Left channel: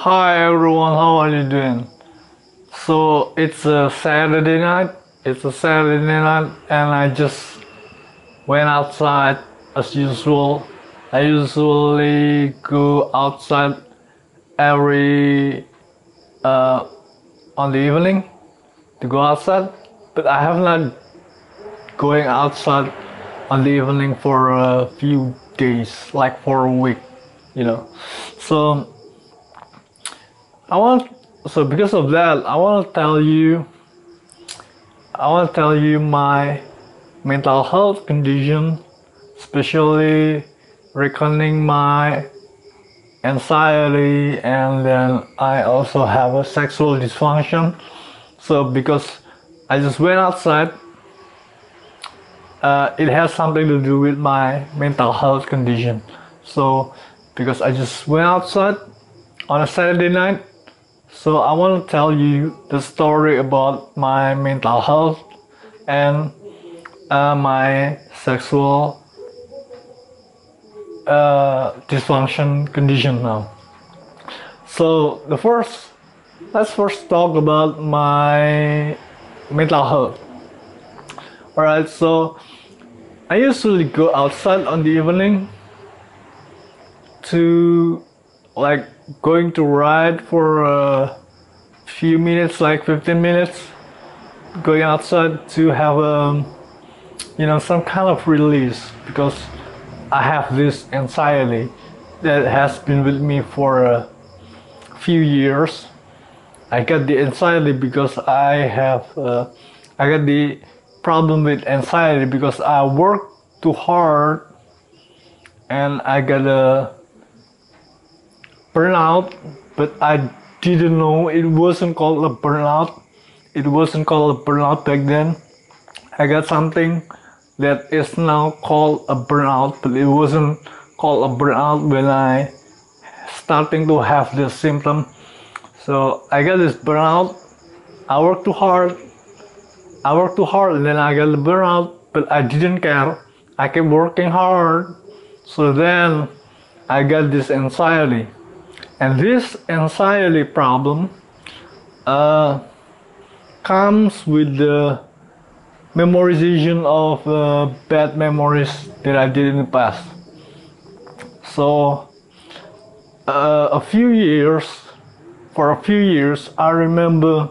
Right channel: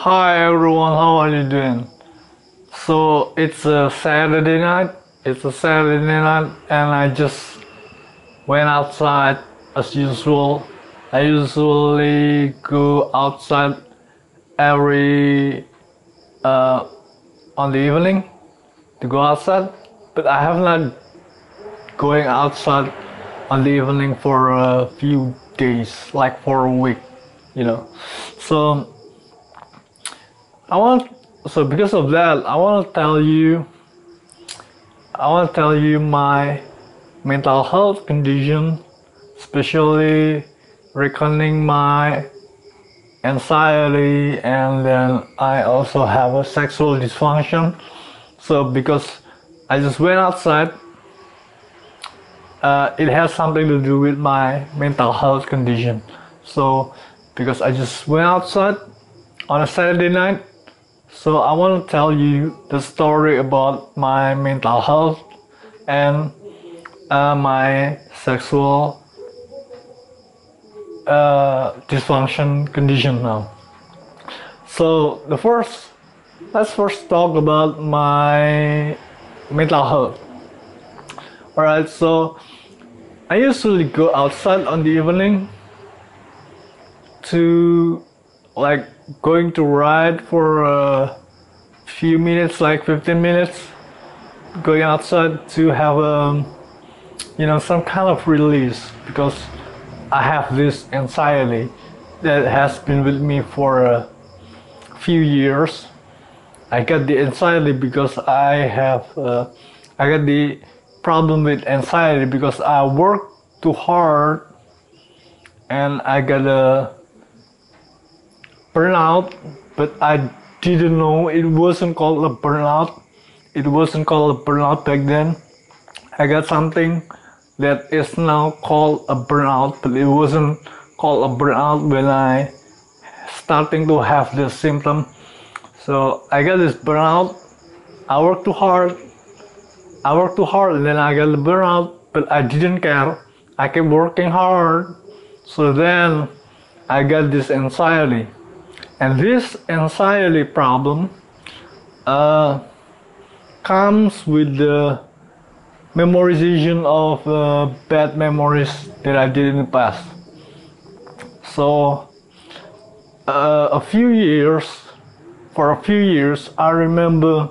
Hi everyone, how are you doing? So it's a Saturday night. And I just went outside as usual. I usually go outside every on the evening to go outside, but I have not going outside on the evening for a few days, like for a week, you know. So I want so because of that, I want to tell you my mental health condition, especially reckoning my anxiety, and then I also have a sexual dysfunction. So because I just went outside, it has something to do with my mental health condition. So because I just went outside on a Saturday night, so I want to tell you the story about my mental health and my sexual dysfunction condition now. So let's first talk about my mental health. Alright, so I usually go outside on the evening to like going to ride for a few minutes, like 15 minutes, going outside to have some kind of release because I have this anxiety that has been with me for a few years. I got the anxiety because I got the problem with anxiety because I work too hard and I got a burnout, but I didn't know it wasn't called a burnout. It wasn't called a burnout back then. I got something that is now called a burnout, but it wasn't called a burnout when I starting to have this symptom. So I got this burnout. I worked too hard. And then I got the burnout, but I didn't care. I kept working hard. So then I got this anxiety. And this anxiety problem comes with the memorization of bad memories that I did in the past. So for a few years, I remember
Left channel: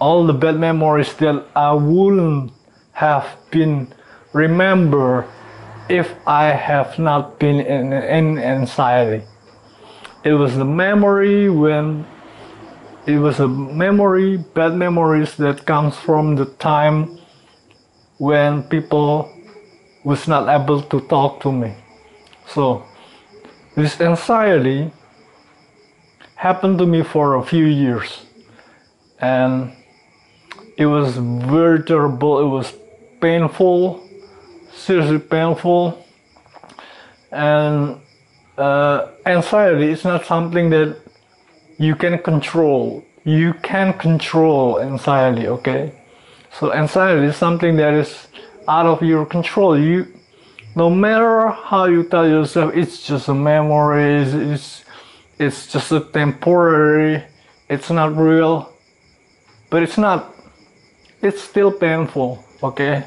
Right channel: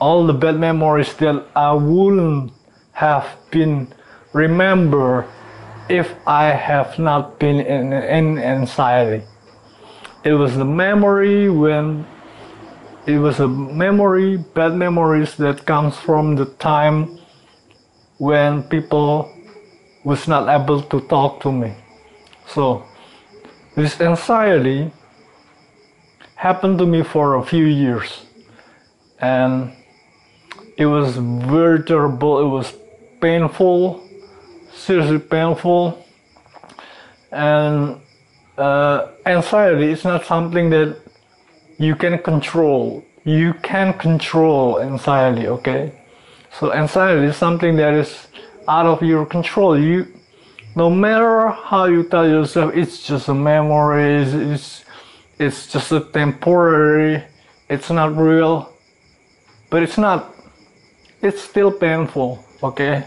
all the bad memories that I wouldn't have been remember if I have not been in anxiety. It was the memory bad memories that comes from the time when people was not able to talk to me. So this anxiety happened to me for a few years, and it was very terrible. It was painful, seriously painful, and anxiety is not something that you can control. You can control anxiety, okay? So anxiety is something that is out of your control. No matter how you tell yourself it's just a memory, it's just a temporary, it's not real, but it's not. It's still painful, okay?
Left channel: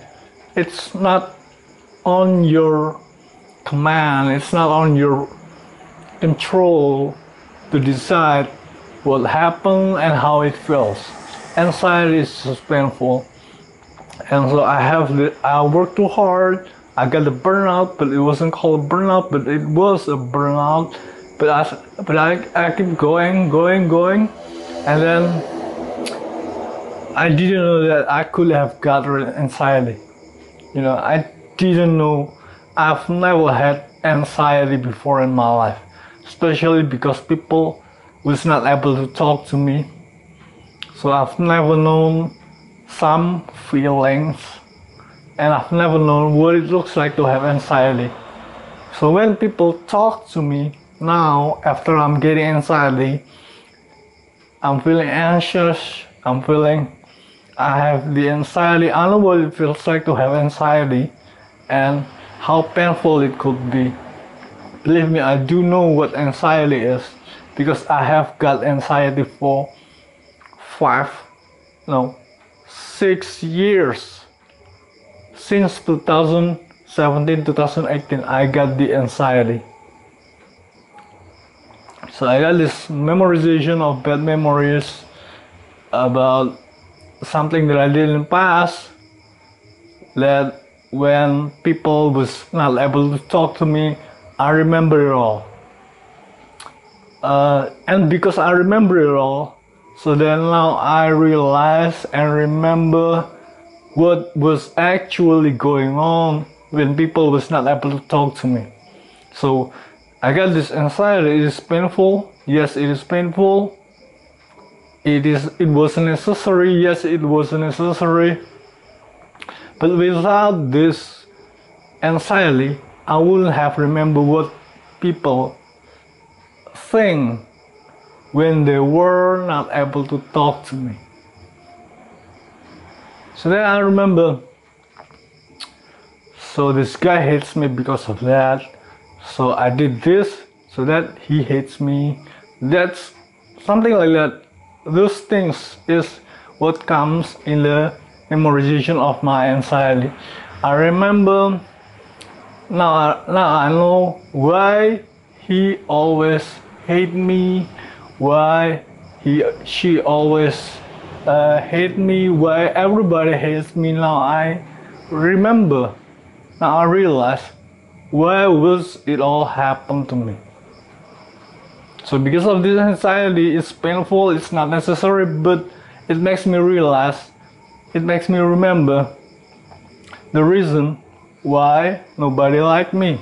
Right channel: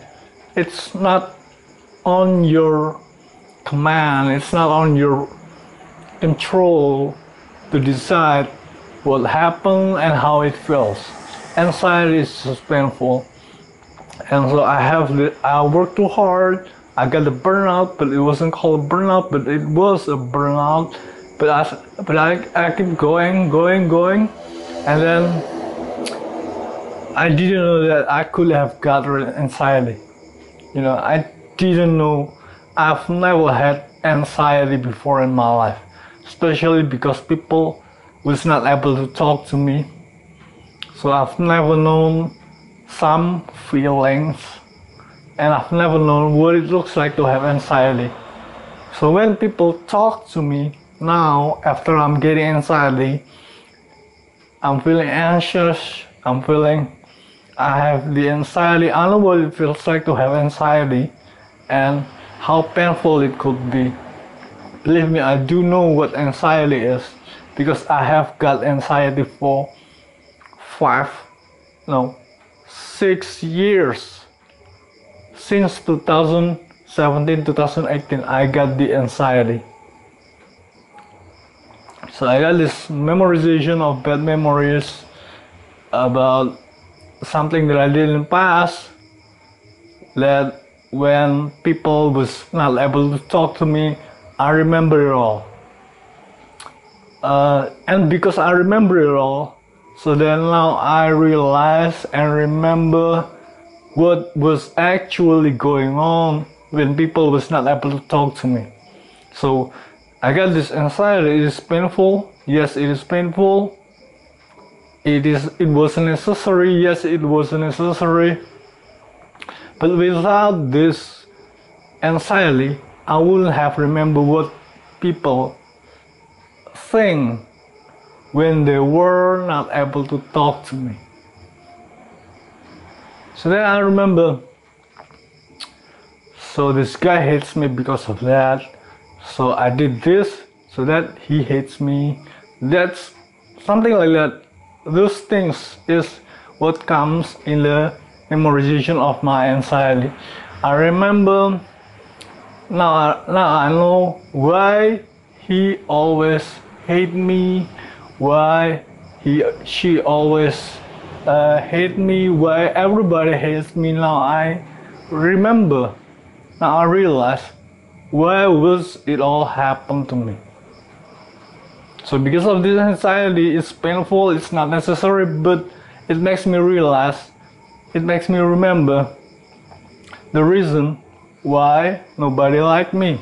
It's not on your command. It's not on your control to decide what happened and how it feels. Anxiety is just painful, and so I worked too hard. I got the burnout, but it wasn't called a burnout, but it was a burnout. I keep going, and then I didn't know that I could have got anxiety. I didn't know. I've never had anxiety before in my life, especially because people was not able to talk to me. So I've never known some feelings, and I've never known what it looks like to have anxiety. So when people talk to me now, after I'm getting anxiety, I'm feeling anxious, I have the anxiety. I know what it feels like to have anxiety and how painful it could be. Believe me, I do know what anxiety is. because I have got anxiety for 6 years. Since 2017, 2018, I got the anxiety. So I got this memorization of bad memories about something that I did in the past, that when people was not able to talk to me, I remember it all. And because I remember it all, so then now I realize and remember what was actually going on when people was not able to talk to me. So I got this anxiety. It is painful. Yes, it is painful. It was necessary. Yes, it was necessary. But without this anxiety, I wouldn't have remembered what people think when they were not able to talk to me. So then I remember, so this guy hates me because of that. So I did this so that he hates me. That's something like that. Those things is what comes in the memorization of my anxiety. I remember now I know why he always hate me, why she always hate me, why everybody hates me. Now I remember, now I realize why was it all happen to me. So because of this anxiety, it's painful, it's not necessary, but it makes me realize, it makes me remember the reason why nobody liked me.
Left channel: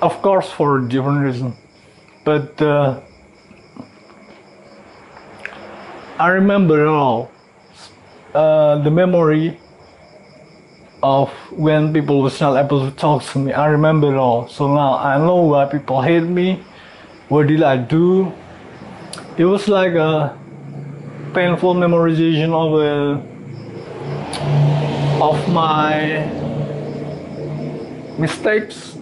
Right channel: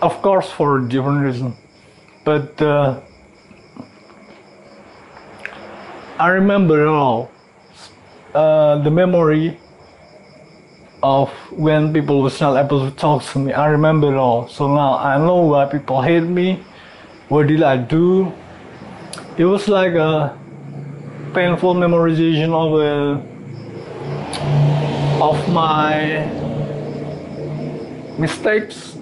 Of course, for a different reason, but I remember it all. The memory of when people was not able to talk to me, I remember it all. So now I know why people hate me. What did I do? It was like a painful memorization of my mistakes,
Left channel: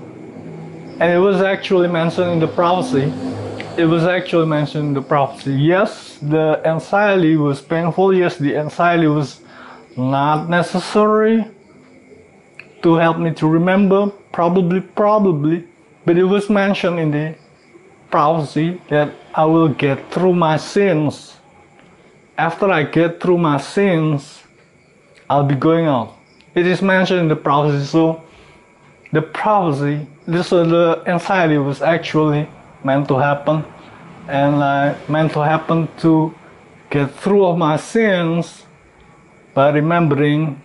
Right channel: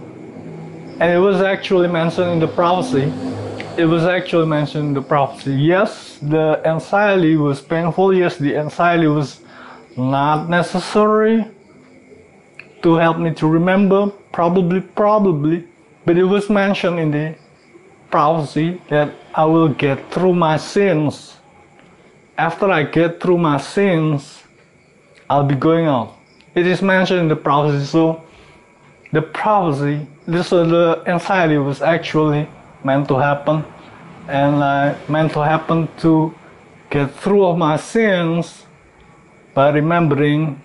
and it was actually mentioned in the prophecy. It was actually mentioned in the prophecy. Yes, the anxiety was painful. Yes, the anxiety was not necessary to help me to remember. Probably, but it was mentioned in the prophecy that I will get through my sins. After I get through my sins, I'll be going out. It is mentioned in the prophecy. So the prophecy, the anxiety was actually meant to happen, and I meant to happen to get through of my sins by remembering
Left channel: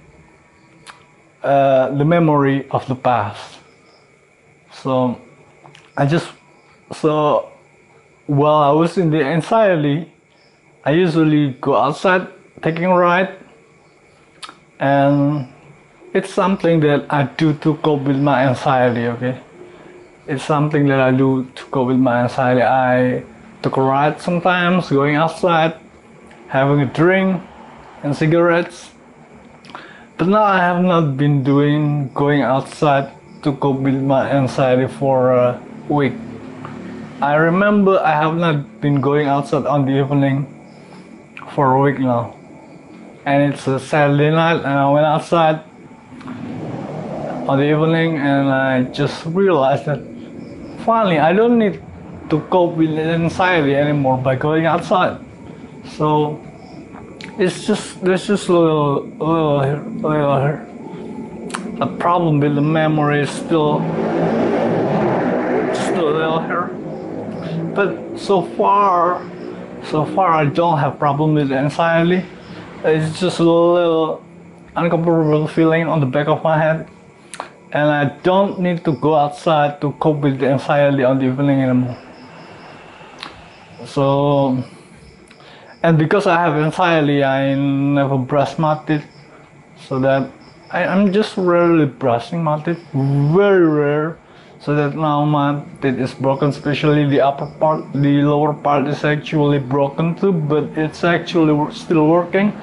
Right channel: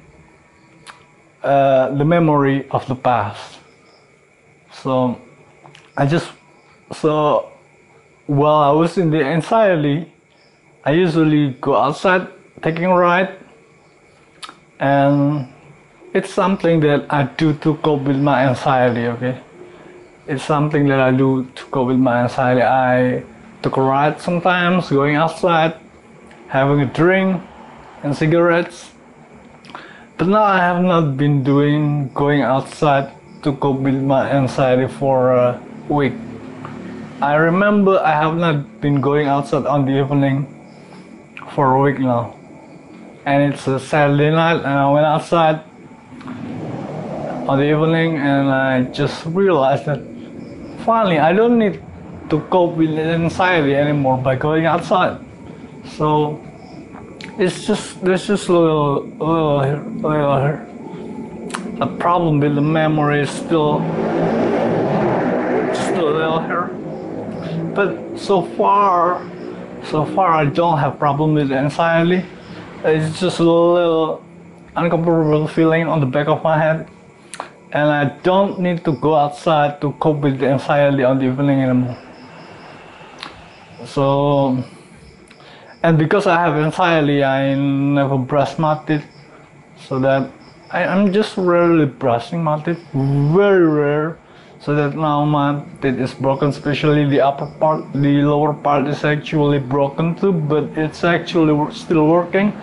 the memory of the past. So while I was in the anxiety, I usually go outside taking a ride, and it's something that I do to cope with my anxiety. Okay, it's something that I do to cope with my anxiety. I took a ride sometimes, going outside, having a drink and cigarettes. But now I have not been going outside to cope with my anxiety for a week. I remember I have not been going outside on the evening for a week now. And it's a Saturday night, and I went outside on the evening, and I just realized that finally I don't need to cope with anxiety anymore by going outside. So there's just a little a problem with the memory is still a little here. But so far I don't have problem with anxiety. It's just a little uncomfortable feeling on the back of my head, and I don't need to go outside to cope with the anxiety on the evening anymore. So, and because I have anxiety, I never brush my teeth, so that I'm just rarely brushing my teeth, very rare. So that now my teeth is broken, especially the upper part. The lower part is actually broken too, but it's actually still working.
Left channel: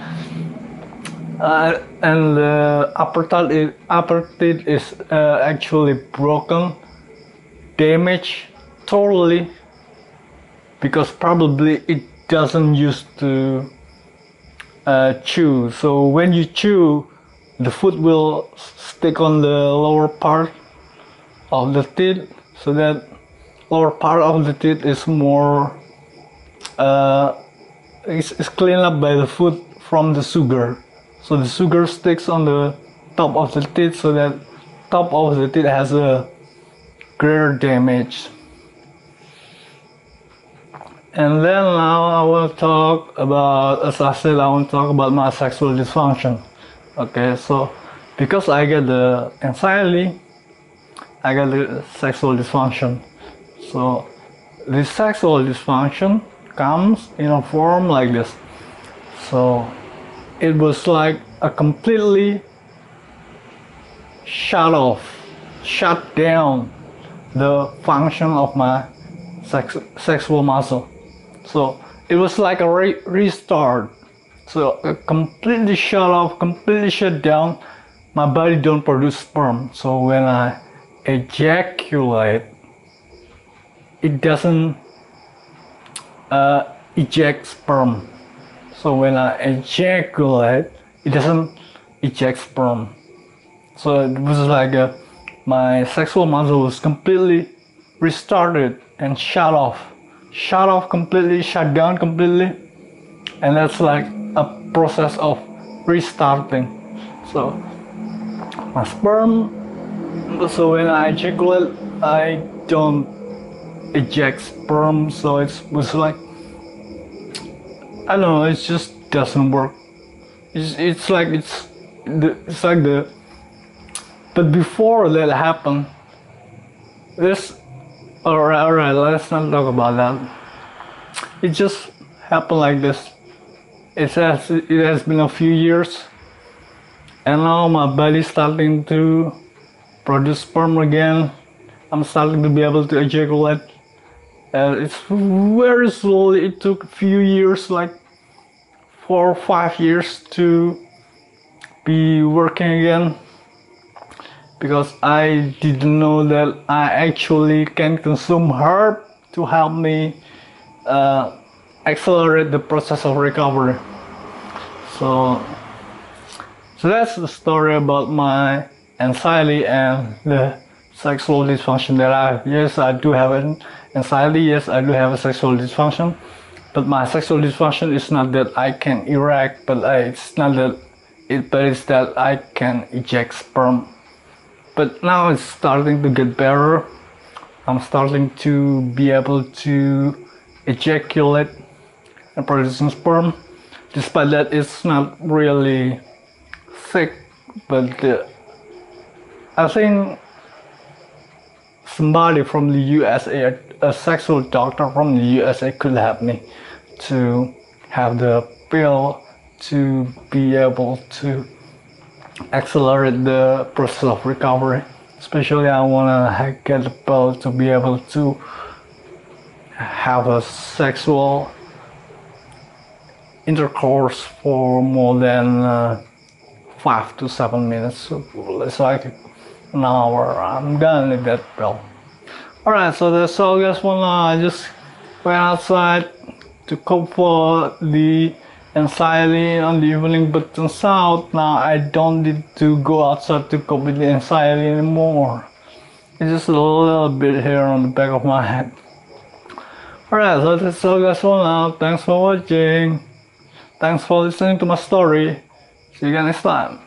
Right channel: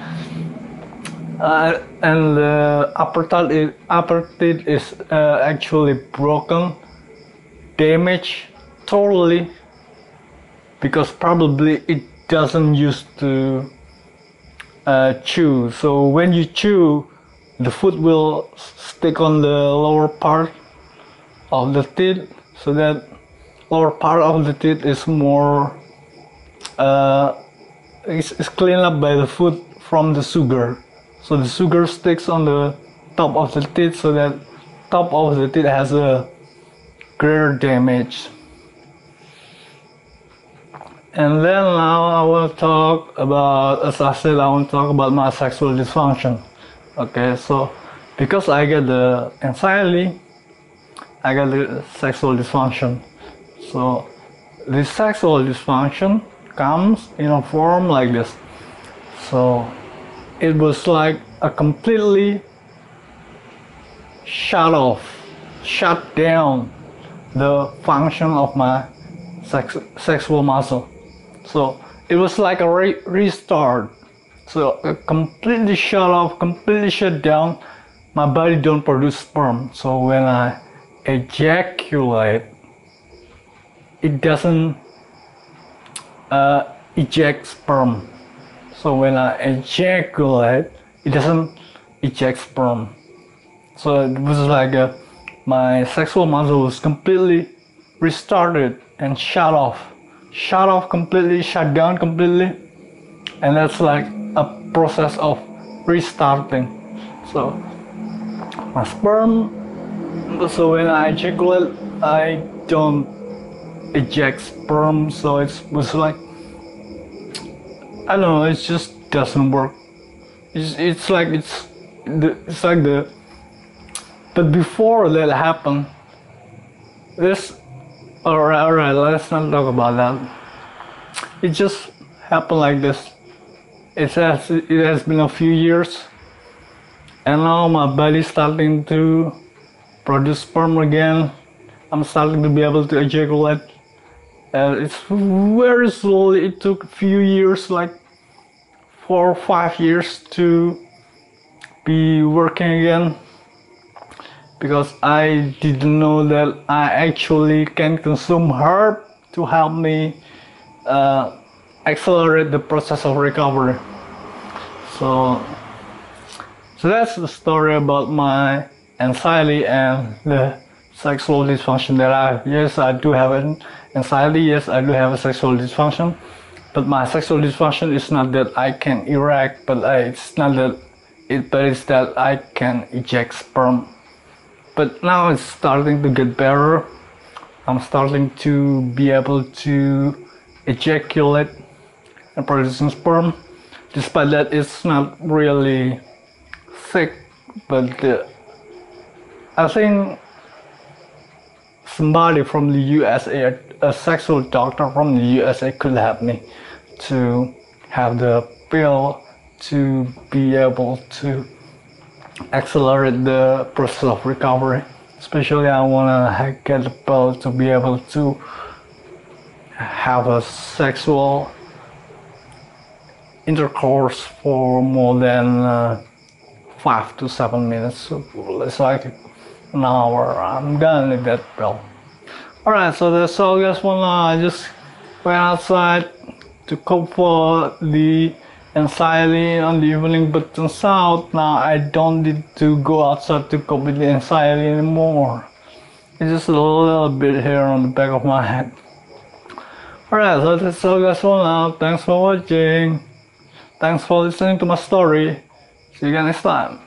And the upper teeth is actually broken, damaged totally. because probably it doesn't used to chew. So when you chew, the food will stick on the lower part of the teeth, so that lower part of the teeth is more is cleaned up by the food from the sugar. So the sugar sticks on the top of the teeth, so that top of the teeth has a greater damage. And then now I want to talk about, as I said, I want to talk about my sexual dysfunction. Okay, so because I get the anxiety, I get the sexual dysfunction. So this sexual dysfunction comes in a form like this. So it was like a completely shut down the function of my sexual muscle. So it was like a restart. So completely shut off, completely shut down. My body don't produce sperm. So when I ejaculate, it doesn't eject sperm. So when I ejaculate, it doesn't eject sperm. So it was like my sexual muscle was completely restarted and shut off completely, shut down completely, and that's like a process of restarting. So my sperm, so when I ejaculate, I don't eject sperm, so it was like, I don't know, it just doesn't work. It's like the but before that happened, this alright, let's not talk about that. It just happened like this. It has been a few years, and now my body's starting to produce sperm again. I'm starting to be able to ejaculate. It's very slowly. It took a few years, like 4 or 5 years, to be working again, because I didn't know that I actually can consume herb to help me accelerate the process of recovery. So that's the story about my anxiety and the sexual dysfunction that I have. Yes, I do have an anxiety. Yes, I do have a sexual dysfunction. But my sexual dysfunction is not that I can erect, but it's not that but it's that I can eject sperm. But now it's starting to get better. I'm starting to be able to ejaculate and producing sperm. Despite that, it's not really thick, but I think somebody from the USA, a sexual doctor from the USA, could help me to have the pill to be able to accelerate the process of recovery. Especially I want to get the pill to be able to have a sexual intercourse for more than 5 to 7 minutes. So it's like an hour. I'm done with that pill. Alright, so that's all guys for now. I just went outside to cope for the anxiety on the evening, but turns out now I don't need to go outside to cope with the anxiety anymore. It's just a little bit here on the back of my head. Alright, so that's all guys for now. Thanks for watching. Thanks for listening to my story. See you again next time.